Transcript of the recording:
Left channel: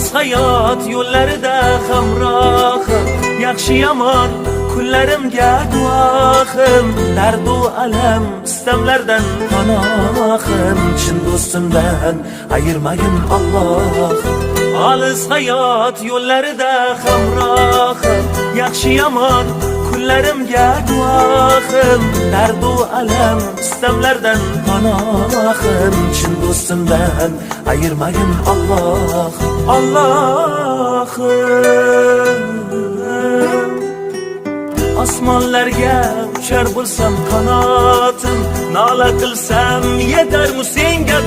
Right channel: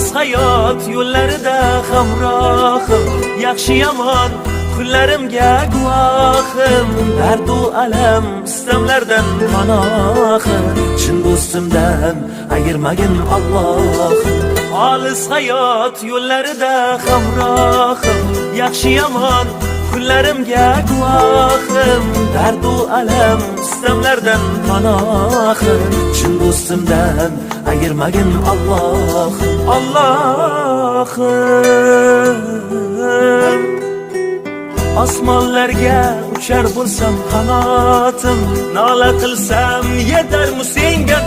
Olis hayot yo'llarida hamrohim, yaxshi yomon kunlarimga guvohim. Dardu alam istamlardan panohim, chin do'stimdan ayirmagin Alloh. Olis hayot yo'llarida hamrohim, yaxshi yomon kunlarimga guvohim. Dardu alam istamlardan panohim, chin do'stimdan ayirmagin Alloh. Allohim, osmonlarga uchar bo'lsam qanotim, nola qilsam yetarmi senga